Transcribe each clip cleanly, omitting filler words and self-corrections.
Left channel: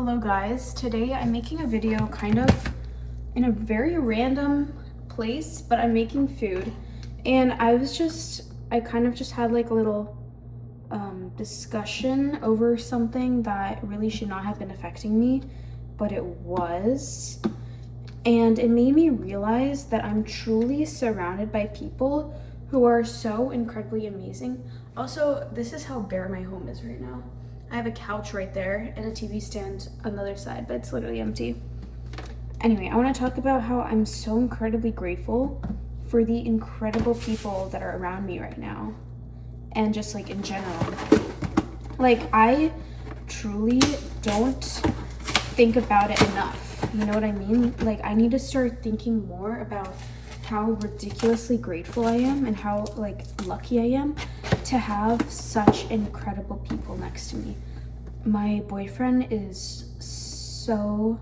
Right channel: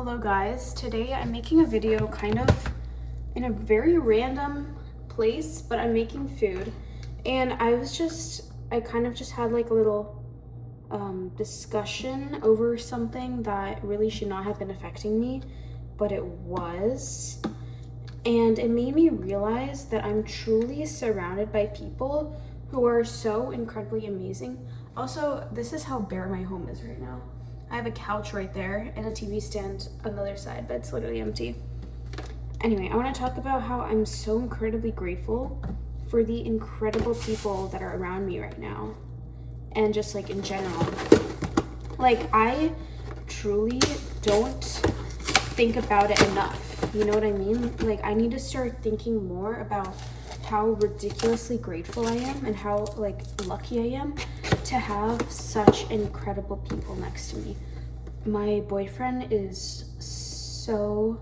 Hello guys, today I'm making a video kind of in a very random place, but I'm making food. And I kind of just had like a little discussion over something that really should not have been affecting me, but it was. And it made me realize that I'm truly surrounded by people who are so incredibly amazing. Also, this is how bare my home is right now. I have a couch right there and a TV stand on the other side, but it's literally empty. Anyway, I want to talk about how I'm so incredibly grateful for the incredible people that are around me right now. And just like in general. Like, I truly don't think about it enough. You know what I mean? Like, I need to start thinking more about how ridiculously grateful I am and how like lucky I am to have such incredible people next to me. My boyfriend is so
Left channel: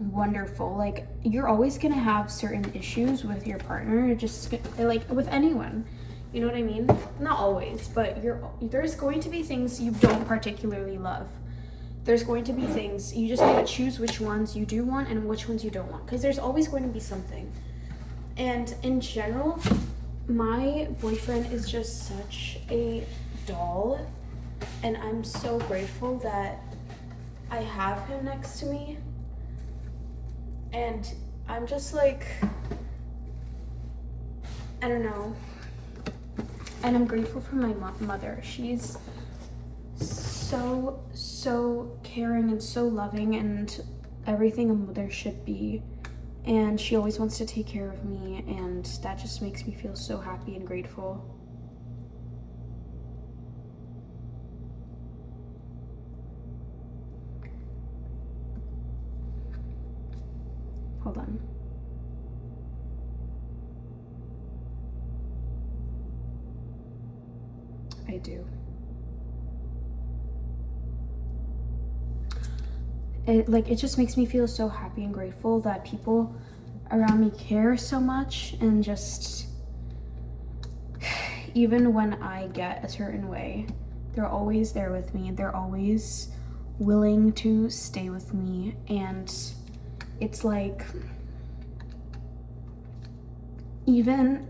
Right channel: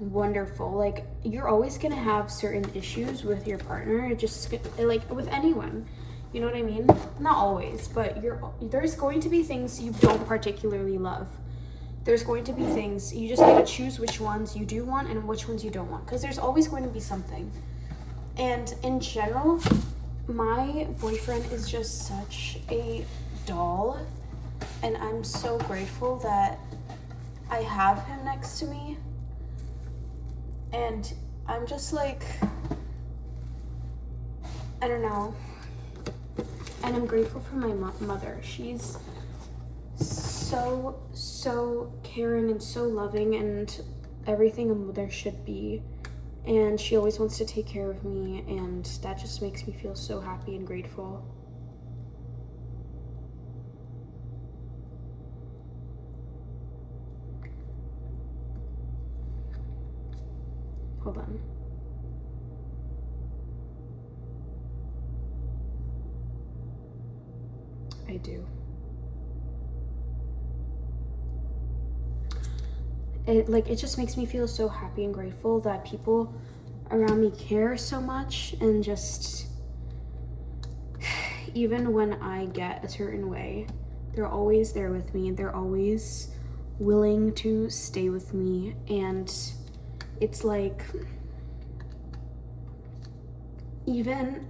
wonderful. Like, you're always gonna have certain issues with your partner, just like with anyone. You know what I mean? Not always, but there's going to be things you don't particularly love. There's going to be things you just need to choose which ones you do want and which ones you don't want, because there's always going to be something. And in general, my boyfriend is just such a doll, and I'm so grateful that I have him next to me. And I'm just like, I don't know. And I'm grateful for my mother. She's so caring and so loving and everything a mother should be. And she always wants to take care of me, and that just makes me feel so happy and grateful. Hold on. I do. It just makes me feel so happy and grateful that people around me care so much, and just even when I get a certain way, they're always there with me. They're always willing to stay with me, and it's like even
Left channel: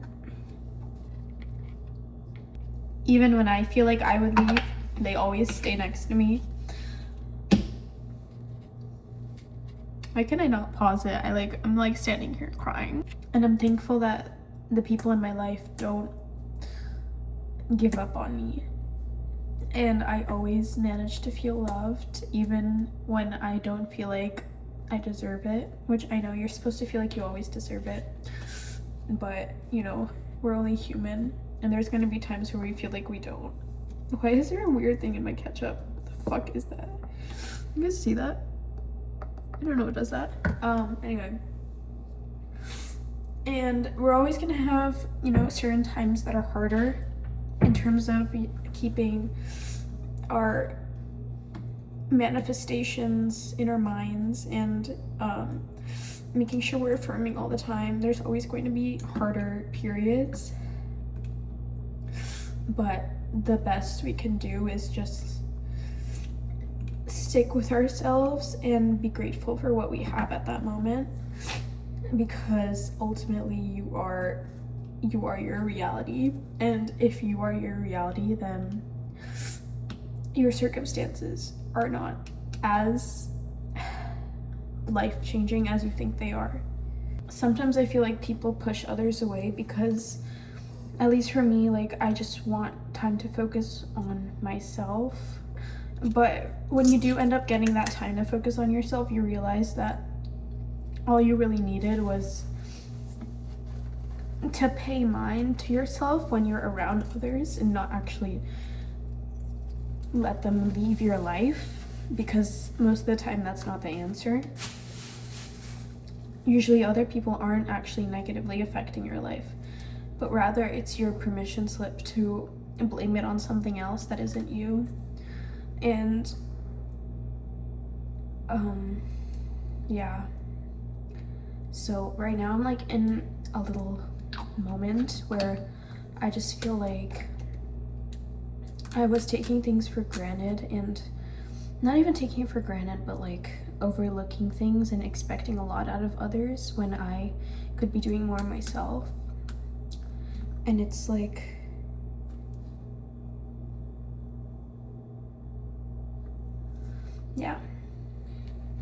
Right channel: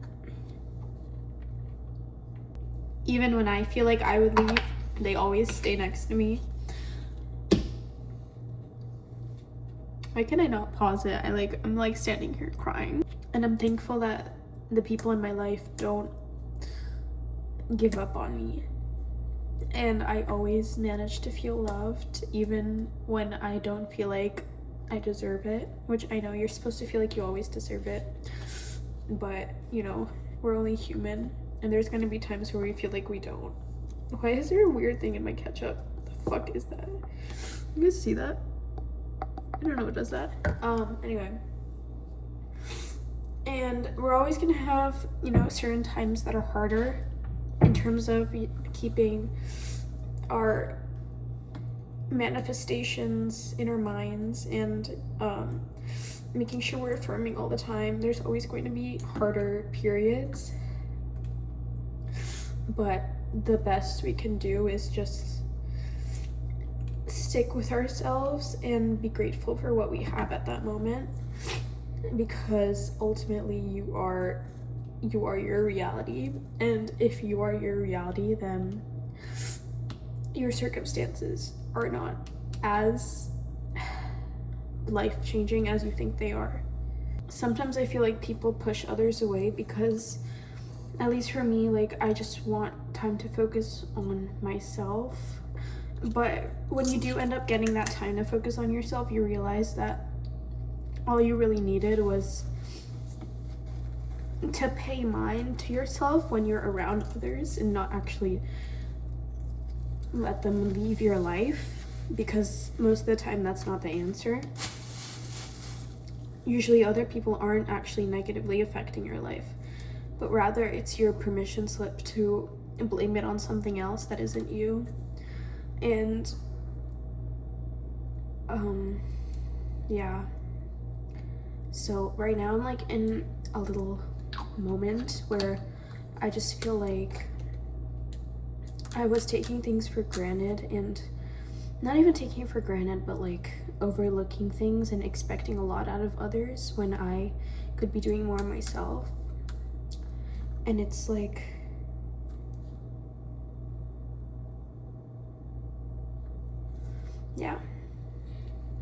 when I feel like I would leave, they always stay next to me. Why can I not pause it? I'm like standing here crying. And I'm thankful that the people in my life don't give up on me. And I always manage to feel loved, even when I don't feel like I deserve it, which I know you're supposed to feel like you always deserve it. But, you know, we're only human, and there's gonna be times where we feel like we don't. Why is there a weird thing in my ketchup? What the fuck is that? You guys see that? I don't know what does that. Anyway. And we're always gonna have, you know, certain times that are harder in terms of keeping our manifestations in our minds and making sure we're affirming all the time. There's always going to be harder periods. But the best we can do is just stick with ourselves and be grateful for what we have at that moment, because ultimately you are your reality, and if you are your reality, then your circumstances are not as life-changing as you think they are. Sometimes I feel like people push others away because, at least for me, like, I just want time to focus on myself. But when you do end up getting that time to focus on yourself, you realize that all you really needed was to pay mind to yourself when you're around others and not actually let them leave your life, because most of the time that's not the answer. Usually other people aren't actually negatively affecting your life, but rather it's your permission slip to blame it on something else that isn't you. And yeah, so right now I'm like in a little moment where I just feel like I was taking things for granted, and not even taking it for granted, but like overlooking things and expecting a lot out of others when I could be doing more myself. And it's like, yeah.